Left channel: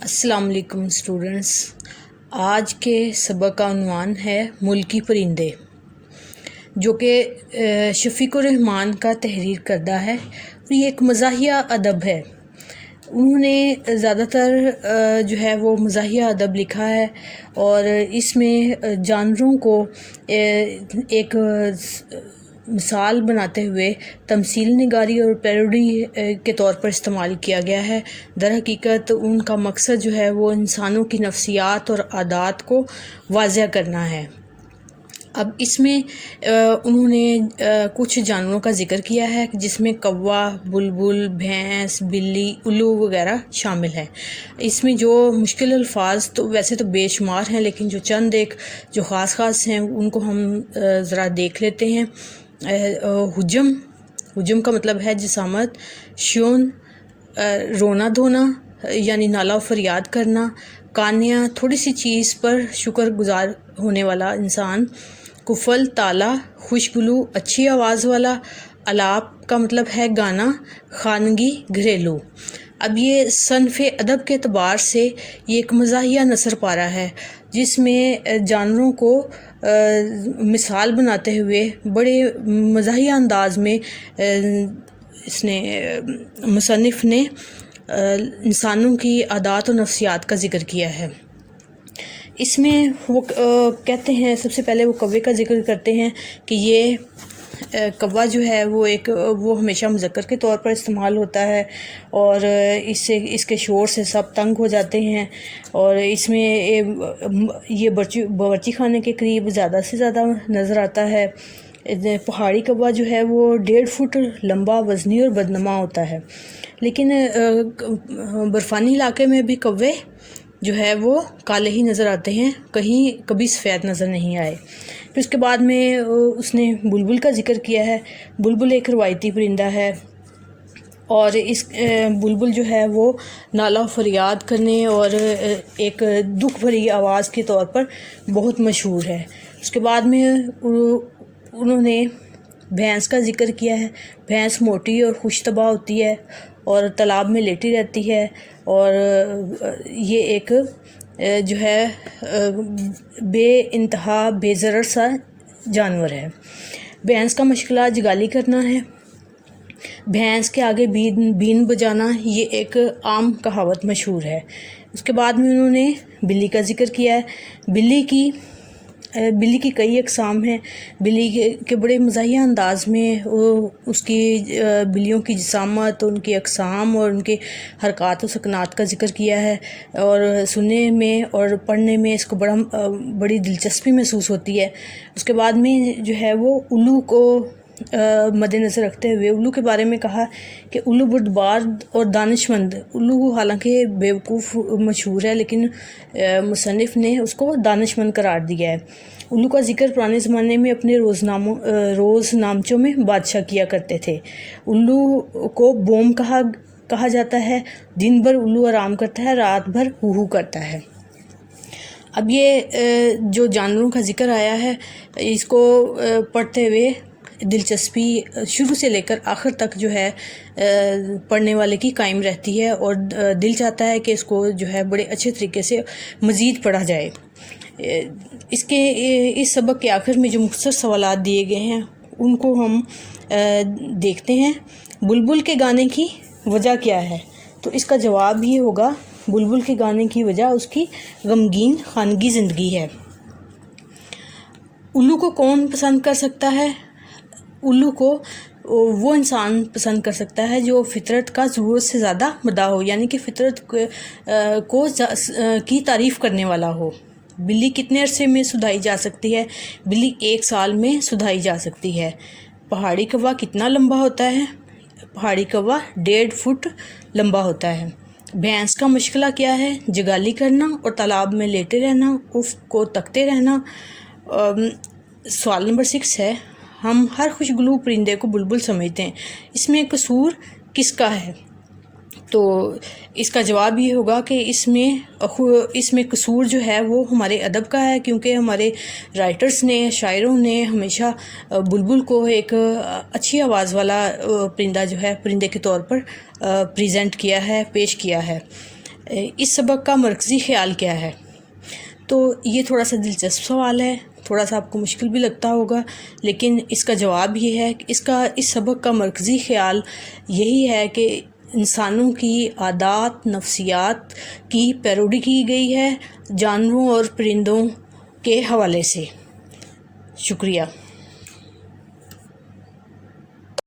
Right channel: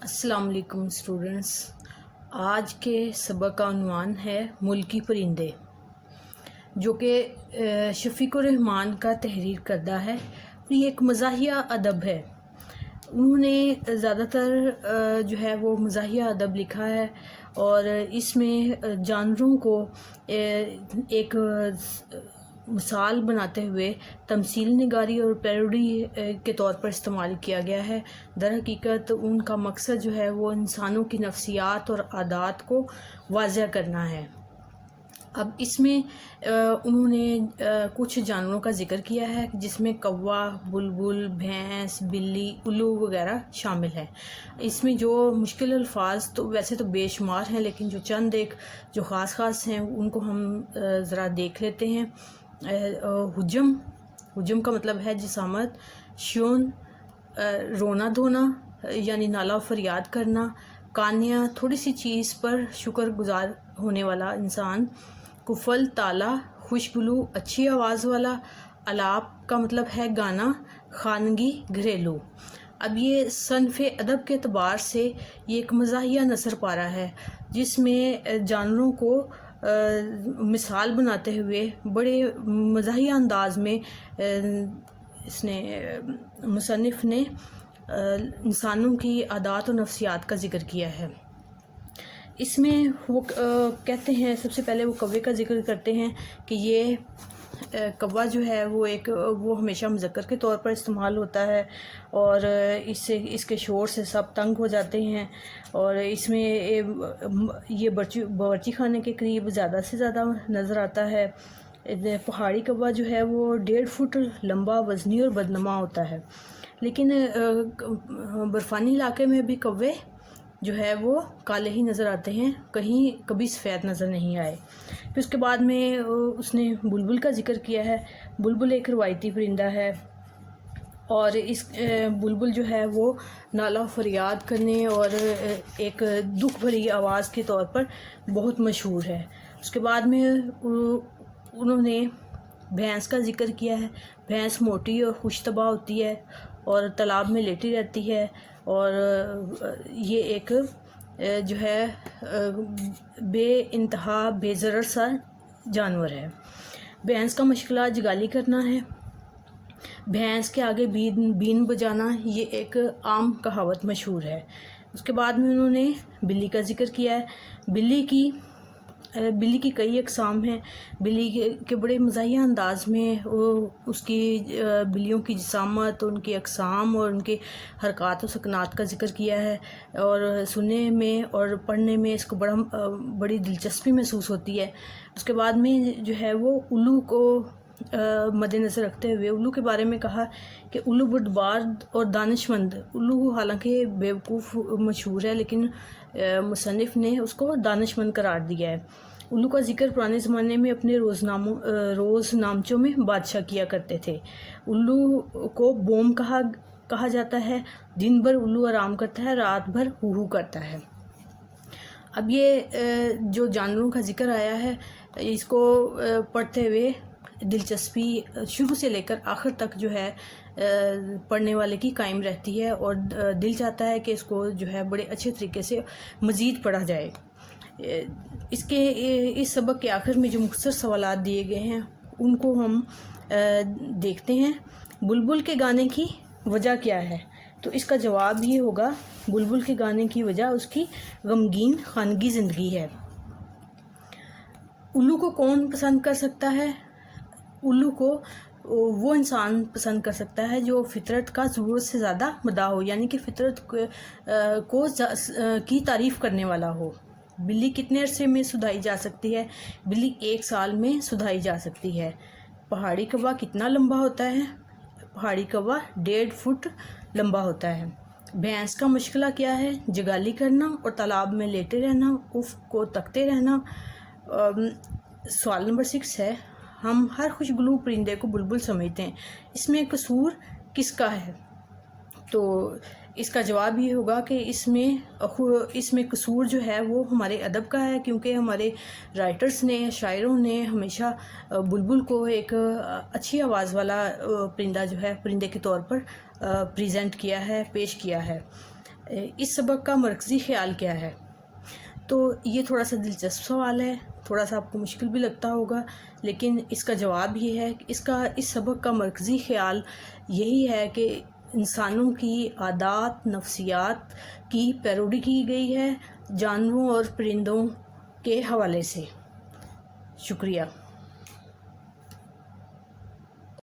السلام علیکم اسٹوڈنٹس، آج کے سبق کا عنوان ہے ملکی پرندے، جو کہ شفیق الرحمان کا تحریر کردہ ہے اور یہ ایک مزاحیہ ادب ہے۔ انہوں نے زیادہ تر جو ہے وہ مزاحیہ ادب لکھا ہے اور اس میں جانوروں کو ایک مثال بناتے ہوئے تمثیل نگاری اور پیروڈی کے طور پر استعمال کیا گیا ہے۔ در حقیقت ان کا مقصد جو ہے وہ انسانوں کی نفسیات اور عادات کو واضح کرنا ہے۔ اب اس میں انہوں نے کچھ جانوروں کا ذکر کیا ہے جس میں کوا، بلبل، بھینس، بلی، الو وغیرہ شامل ہیں۔ اس میں جو مشکل الفاظ تو ویسے تو بے شمار ہیں، لیکن جو چند ایک جو خاص ہیں ان کو ہم ذرا دیکھ لیتے ہیں۔ حجم کا مطلب ہے جسامت، شیون رونا دھونا یعنی نالہ و فریاد کرنا، کانیا تھوڑی سی چیز پر شکر گزار ہونے والا انسان، کفل تالا خوشگلو اچھی آواز والا، الاپ کا مطلب ہے گانا، خانگی گھریلو۔ اب یہ صنف ادب کے اعتبار سے یہ ایک مزاحیہ نثر پارہ ہے جس میں جانوروں کو مثال بناتے ہوئے بڑے مزاحیہ انداز میں مصنف نے انسانوں کی عادات و نفسیات کا ذکر کیا ہے۔ اس میں وہ کہتے ہیں، سب سے پہلے وہ کوے کا ذکر کرتے ہیں کہ یہ کوا جو ہے وہ ہمیشہ مذکر کے طور پر استعمال ہوتا ہے اور اس کے شور سے سب تنگ ہو جاتے ہیں، اور اس میں یہ باورچی خانے کے قریب زیادہ سے زیادہ نظر آتا ہے۔ پہاڑی کوا جو ہے وہ 1.5 فٹ لمبا، وزنی اور بدنما ہوتا ہے، لیکن برفانی علاقے میں بھی کوے جو ہے وہ کالے ہی نظر آتے ہیں، کبھی سفید نظر نہیں آئے۔ پھر اس کے بعد میں اس نے بلبل کا ذکر کیا ہے۔ بلبل ایک روایتی پرندہ ہے اور اس بلبل جو ہے وہ نالہ و فریاد کرنے اور ایک دکھ بھری آواز کے طور پر بہت مشہور ہے۔ اس کے بعد میں انہوں نے بھینس کا ذکر کیا ہے۔ بھینس موٹی اور خوش طبع ہوتی ہے اور تالاب میں لیٹی رہتی ہے، اور یہ ایک جو ہے بے انتہا بے ضرر سا جانور ہے۔ بھینس کا مشغلہ جگالی کرنا ہے۔ بھینس کے آگے بین بجانا یہ ایک عام کہاوت مشہور ہے۔ اس کے بعد میں انہوں نے بلی کا ذکر کیا ہے۔ بلی کی کئی اقسام ہیں۔ بلی کے بڑے مزاحیہ انداز میں اس کی بلیوں کی جسامت، ان کی اقسام اور ان کے حرکات و سکنات کا ذکر کیا ہے، اور سننے میں اور پڑھنے میں اس کو بڑی دلچسپی محسوس ہوتی ہے۔ اس کے بعد میں جو ہے وہ الو کو مد نظر رکھتے ہوئے الو کے بارے میں کہا کہ الو بردبار اور دانش مند۔ الو حالانکہ بیوقوف مشہور ہے، لیکن مصنف نے اس کو دانش مند قرار دیا ہے۔ الو کا ذکر پرانے زمانے میں اپنے روز نامچوں میں بادشاہ کیا کرتے تھے۔ الو کو بوم کہا جاتا ہے۔ دن بھر الو آرام کرتا ہے، رات بھر ہو کرتا ہے۔ اب یہ جو جانوروں کا ذکر آیا ہے، اس کو پڑھتے ہوئے دلچسپی شروع سے لے کر آخر تک جو ہے پڑھنے والے کی قائم رہتی ہے، اور دل چاہتا ہے کہ اس کو جو ہے بڑے اچھے طریقے سے مزید پڑھا جائے۔ اس سبق کے آخر میں جو مختصر سوالات دیے گئے ہیں ان کو ہم دیکھتے ہیں۔ بلبل کے گانے کی وجہ کیا ہے؟ تو اس کا جواب یہ ہوگا، بلبل کے گانے کی وجہ اس کی غمگین خانگی زندگی ہے۔ الو کو کون پسند کر سکتا ہے؟ الو کو وہ انسان پسند کر سکتا ہے جو فطرت کا ضرورت سے زیادہ مداح ہو، یعنی کہ فطرت کی تعریف کرنے والا ہو۔ بلی کتنے عرصے میں سدھائی جا سکتی ہے؟ بلی 1 سال میں سدھائی جا سکتی ہے۔ پہاڑی کوا کتنا لمبا ہوتا ہے؟ پہاڑی کوا 1.5 فٹ لمبا ہوتا ہے۔ بھینس کا مشغلہ کیا ہے؟ جگالی کرنا اور تالاب میں لیٹے رہنا، افق کو تکتے رہنا۔ سوال نمبر 6 ہے، ہم ہر خوشگلو پرندے کو بلبل سمجھتے ہیں، اس میں قصور کس کا ہے؟ تو اس کا جواب یہ ہوگا کہ اس میں قصور جو ہے وہ ہمارے ادب کا ہے، کیونکہ ہمارے رائٹرز نے، شاعروں نے ہمیشہ بلبل کو ایک اچھی آواز والا پرندہ جو ہے پرندے کے طور پر پریزنٹ کیا ہے، پیش کیا ہے۔ اس سبق کا مرکزی خیال کیا ہے؟ تو یہ تھوڑا سا دلچسپ سوال ہے، تھوڑا سا آپ کو مشکل بھی لگتا ہوگا، لیکن اس کا جواب یہ ہے کہ اس سبق کا مرکزی خیال یہی ہے کہ انسانوں کی عادات نفسیات کی پیروڈی کی گئی ہے جانوروں اور پرندوں کے حوالے سے۔ شکریہ۔